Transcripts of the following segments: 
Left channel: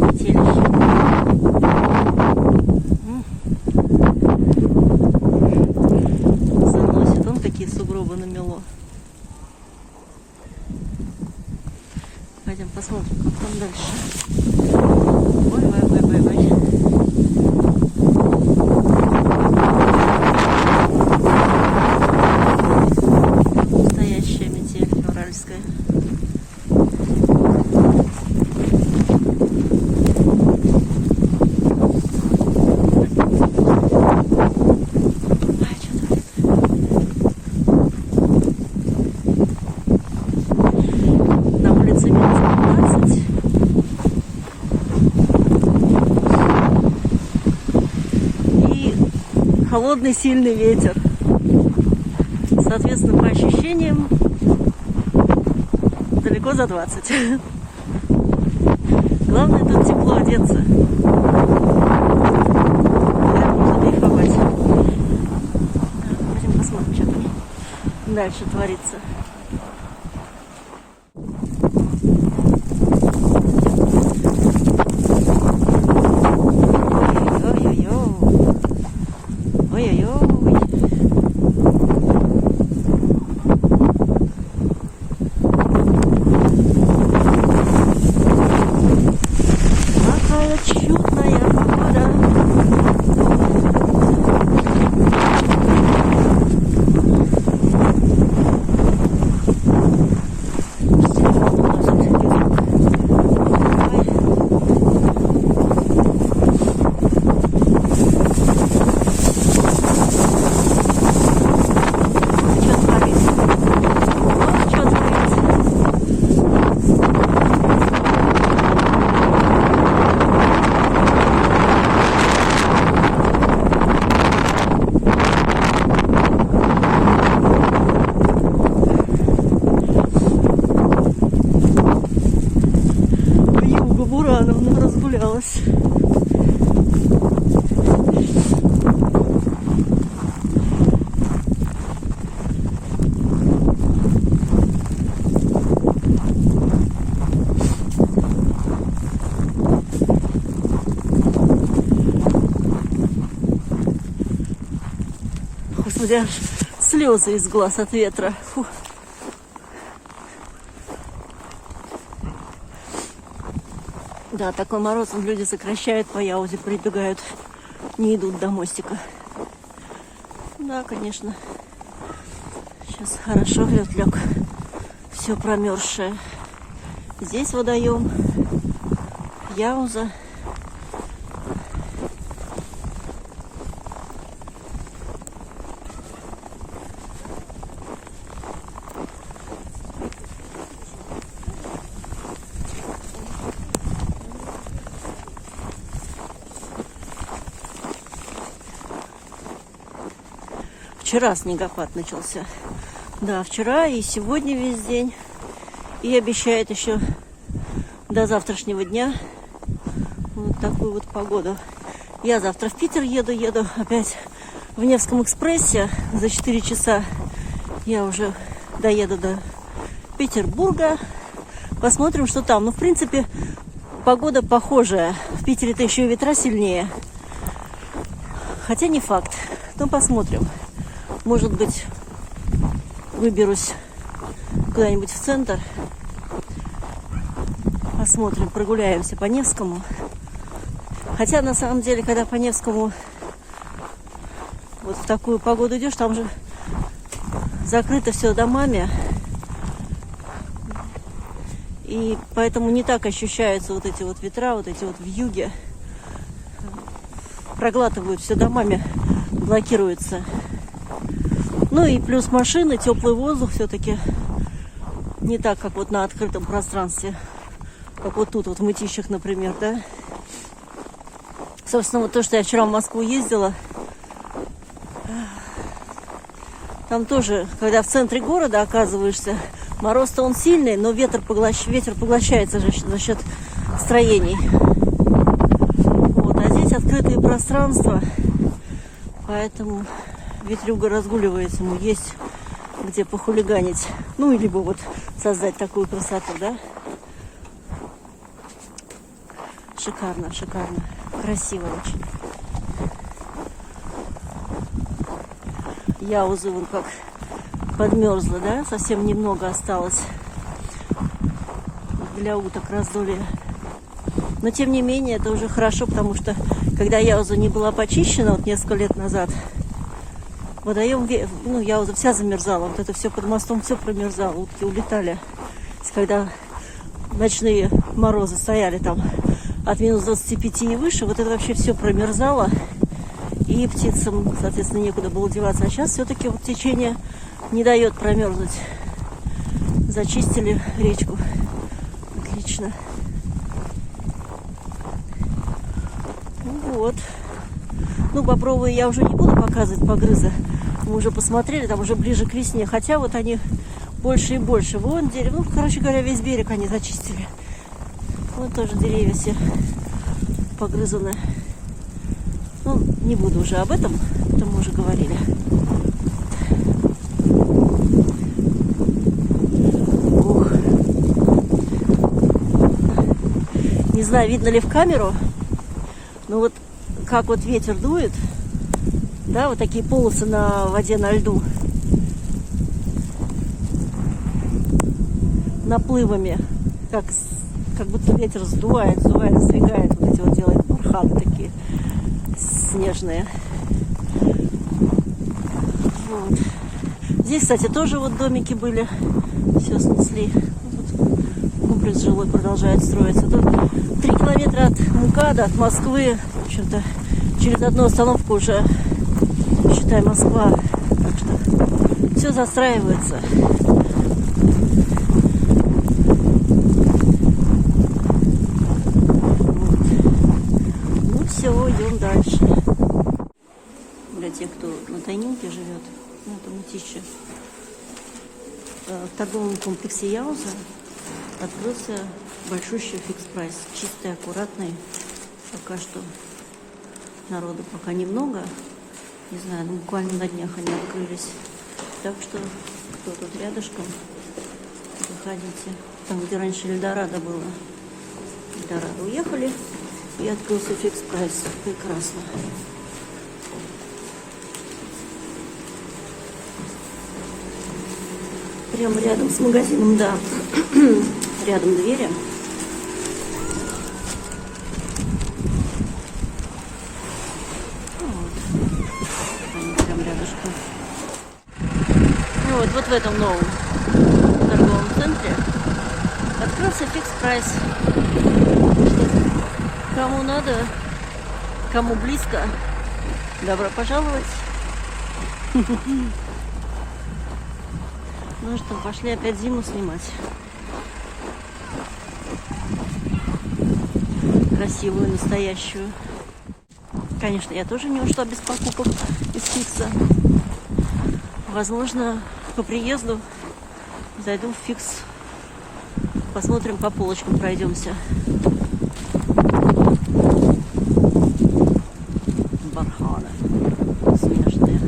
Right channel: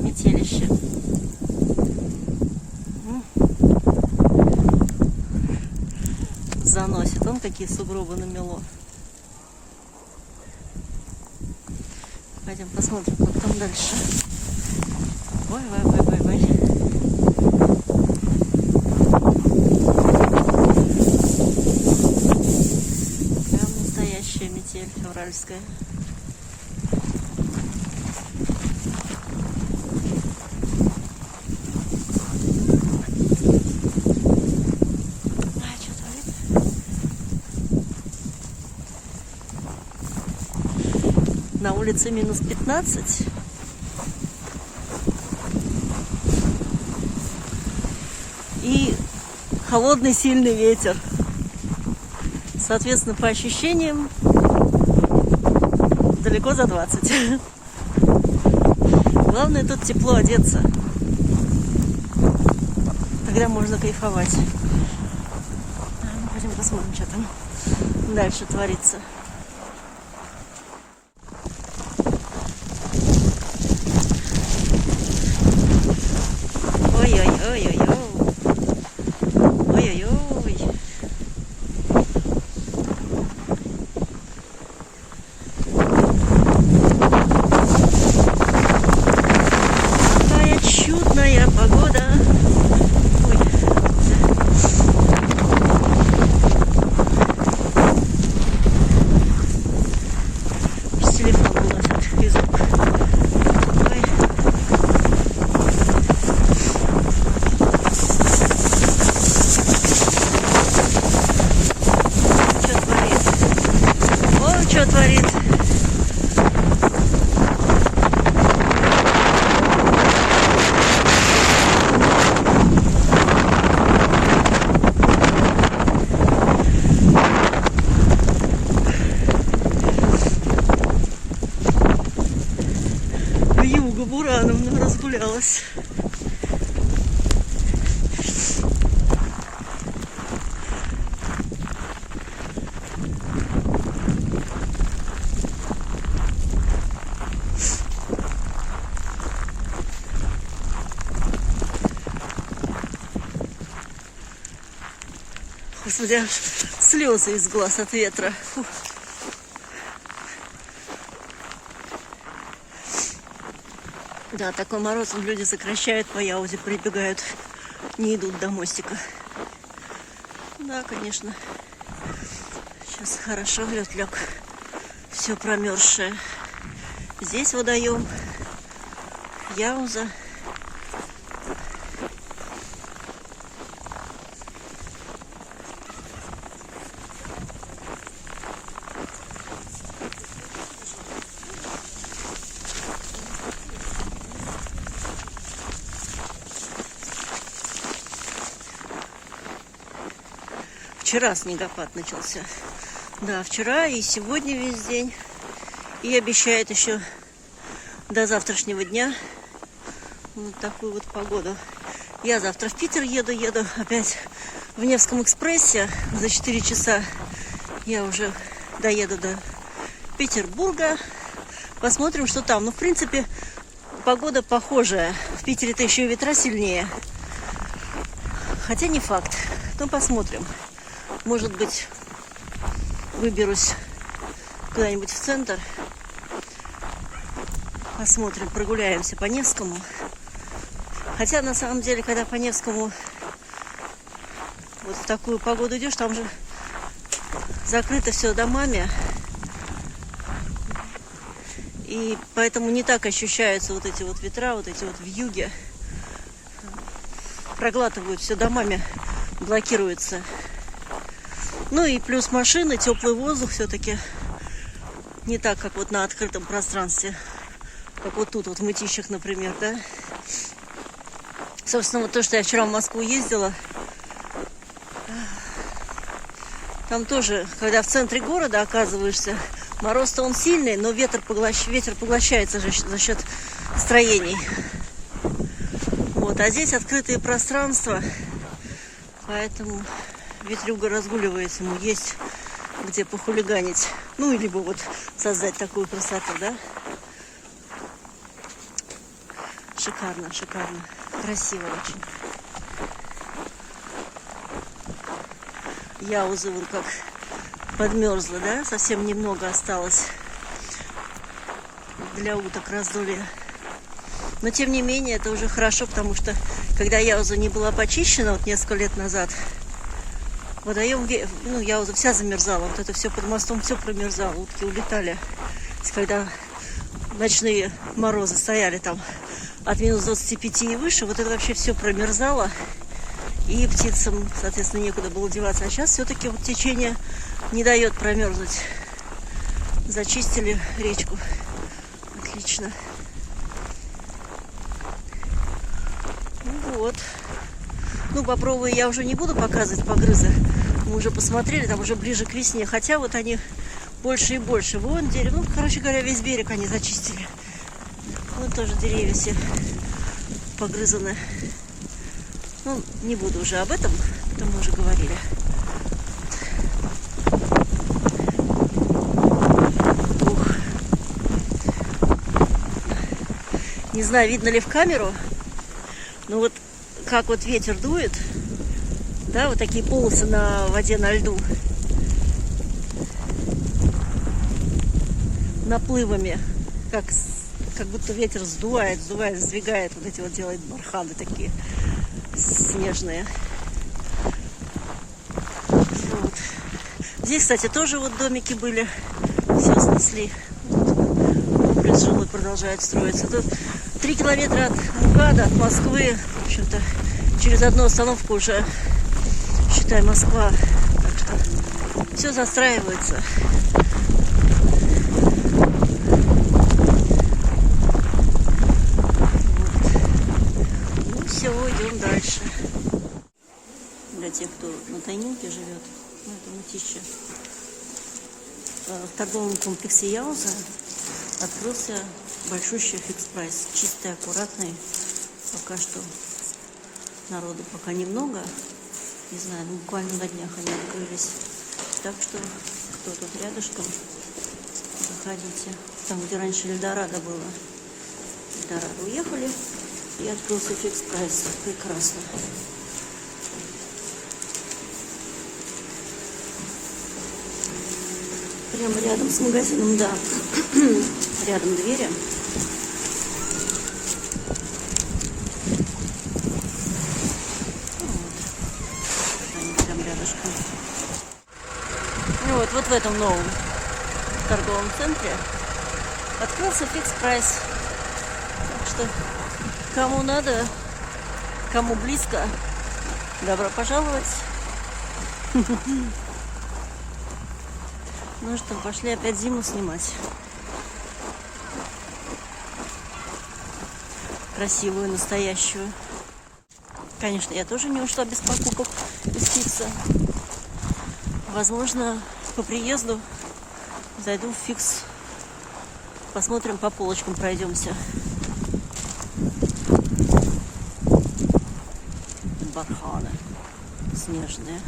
Метелище. Заносит. Вон какие сугробы намело. Пойдем посмотрим там дальше. Ой. Настоящая метель февральская. На улице минус 15. И холодный сильный ветер. Соответственно, по ощущениям, далеко за 20. Главное тут тепло одеться. Наверное, можно кайфовать. Пойдем посмотрим, что там дальше творится. Ой-ой-ой. Какая чудная погода. С телефоном даже физрук. Что творит? Юга Бурановна разгулялась. Господи, аж слезы из глаз от ветра. Фу. Да, такой мороз, люди сокращают по Яузе, прибегают, не идут до мостика. Да, конечно. Сейчас хорошо лед лег. Все промерзшее. Здесь водоем. Яуза. Вчера снегопад начался. Да, вчера и сегодня весь день. И обещает еще до завтрашнего дня вот такую вот погоду. Я завтра в Питер еду опять в Невском экспрессе. За 4 часа я уже доеду до Петербурга. Посмотрим, что там. Ну, в принципе, погода похожая. В Питере-то еще и ветра сильнее. Хотя не факт. Но посмотрим. Может быть, выберусь куда-нибудь в центр. Посмотрим, прогуляемся по Невскому. Хотя, на самом деле, когда по Невскому вот в такую погоду идешь, там же закрыто все домами. И поэтому не так ощущаются вот эти вот ветра, вот эти вот вьюги. Проглатывают все домами, блокируется. Ну и плюс машины, теплый воздух все-таки не так, как вот на открытом пространстве, как вот тут, вот в Мытищах, например, да. Собственно, вот то, что я вчера в Москву ездила, там тоже, когда в центре города оказываешься, мороз-то он сильный, но ветер поглощается за счет строений. Вот, а здесь открытые пространства, поэтому ветрюга разгуливается, ему есть где похулиганить. Ну, либо вот создать такую красоту, да? Шикарно, шикарно. Красиво очень. Яуза вон как подмерзла, да? Совсем немного осталось для уток раздолья. Но тем не менее это уже хорошо, потому что когда Яуза не была почищена вот несколько лет назад, водоем, ну, Яуза вся замерзала. Вот это все под мостом, все промерзало. Утки улетали. Когда ночные морозы стояли там от минус 25 и выше, вот это вообще все промерзало. И птицам, соответственно, некуда было деваться. А сейчас все-таки вот течение не дает промерзнуть. Зачистили речку. Отлично. Ну вот. Ну, бобровые я уже не буду показывать погрызы. Мы уже посмотрели, там уже ближе к весне. Хотя вот они больше и больше. Вон дерево. Ну, короче говоря, весь берег они зачистили. Вот тоже деревья все погрызаны. Ну, не буду уже об этом, это мы уже говорили. Ух. Не знаю, видно ли в камеру, но вот как вот ветер дует, да, вот такие полосы на воде, на льду, наплывами, как будто ветер сдувает, сдвигает, вот эти вот делает барханы такие снежные. Вот. Здесь, кстати, тоже вот домики были, все снесли. Вот. Комплекс жилой продолжает строиться. Тут 3 километра от МКАДа, от Москвы. В общем-то, через одну остановку уже, считай, Москва. Так что все застраивается. Все, идем дальше. Для тех, кто на Тайнинке живет, ну, это Мытищи, в торговом комплексе Яуза открылся большущий фикс-прайс. Чистый, аккуратный. Пока что народу пока немного. Не знаю, ну, буквально на днях они открылись. Так что, кто тут рядышком, заходите. Там, где раньше Эльдорадо было. Эльдорадо уехали. И открылся фикс-прайс. Прекрасно. Прямо рядом с магазином, да. Рядом двери. Вот. Они прям рядышком. И вот в этом новом торговом центре открылся фикс-прайс. Что кому надо, кому близко, добро пожаловать. Ну что, пошли опять зиму снимать. Красивую, настоящую. Конечно, я тоже не ушла без покупок из фикса. Возможно, по приезду зайду в фикс. Посмотрим, по полочкам пройдемся. Барханы снежные.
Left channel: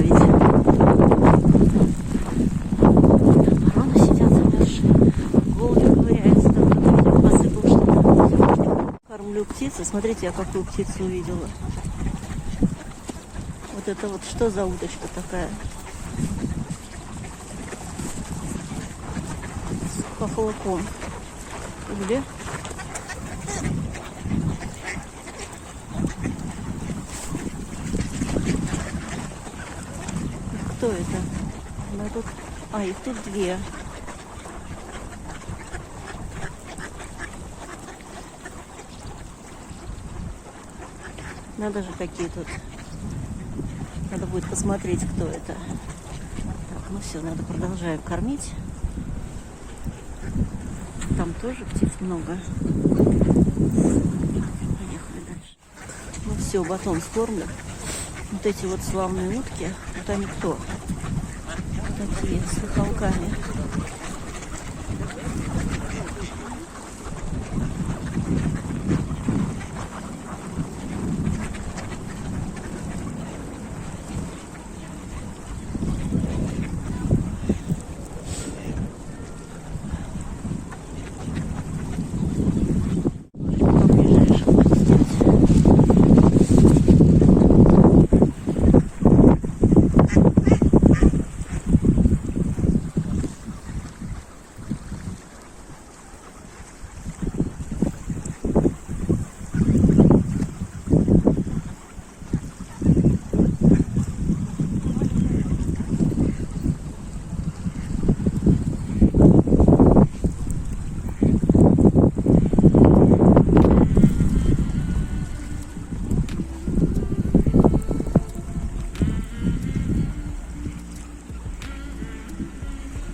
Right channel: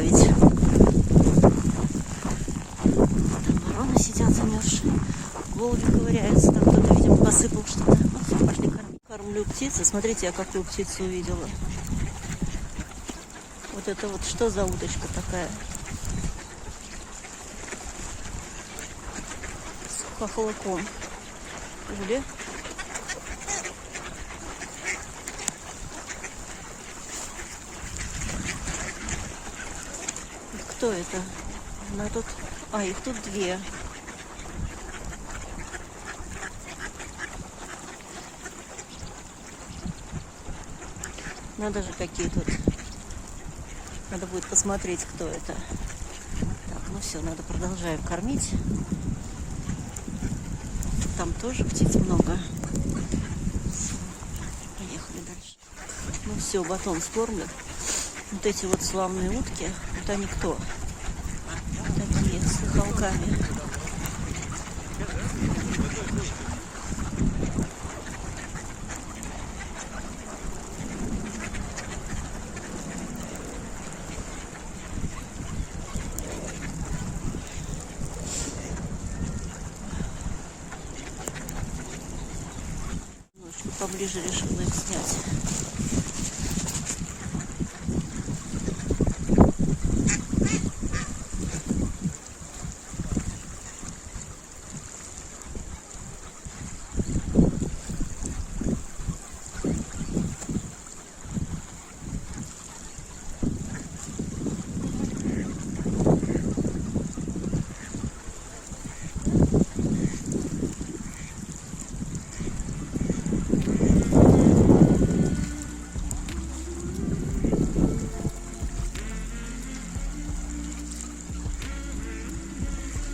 оставить. Там вороны сидят, голуби ковыряются, там кто-то посыпался. Кормлю птицы. Смотрите, я какую птицу увидела. Вот это вот что за удочка такая? С хохлаком. Уля. Кто это? Она тут... А, их тут две. Надо же, какие тут. Надо будет посмотреть, кто это. Так, ну все, надо продолжаем кормить. Там тоже птиц много. Поехали дальше. Ну все, батон скормлен. Вот эти вот славные утки, вот они кто? Такие, с хохолками.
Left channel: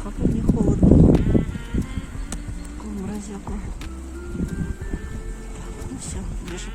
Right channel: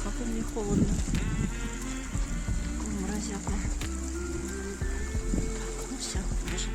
Как мне холодно. Такую морозяку. Так, ну все, бежим.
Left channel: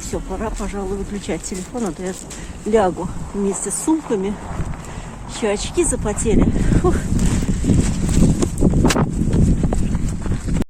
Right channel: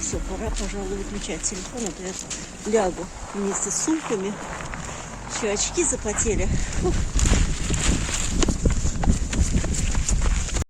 Все, пора, пожалуй, выключать телефон, а то я лягу вместе с сумками. Еще очки запотели. Фух.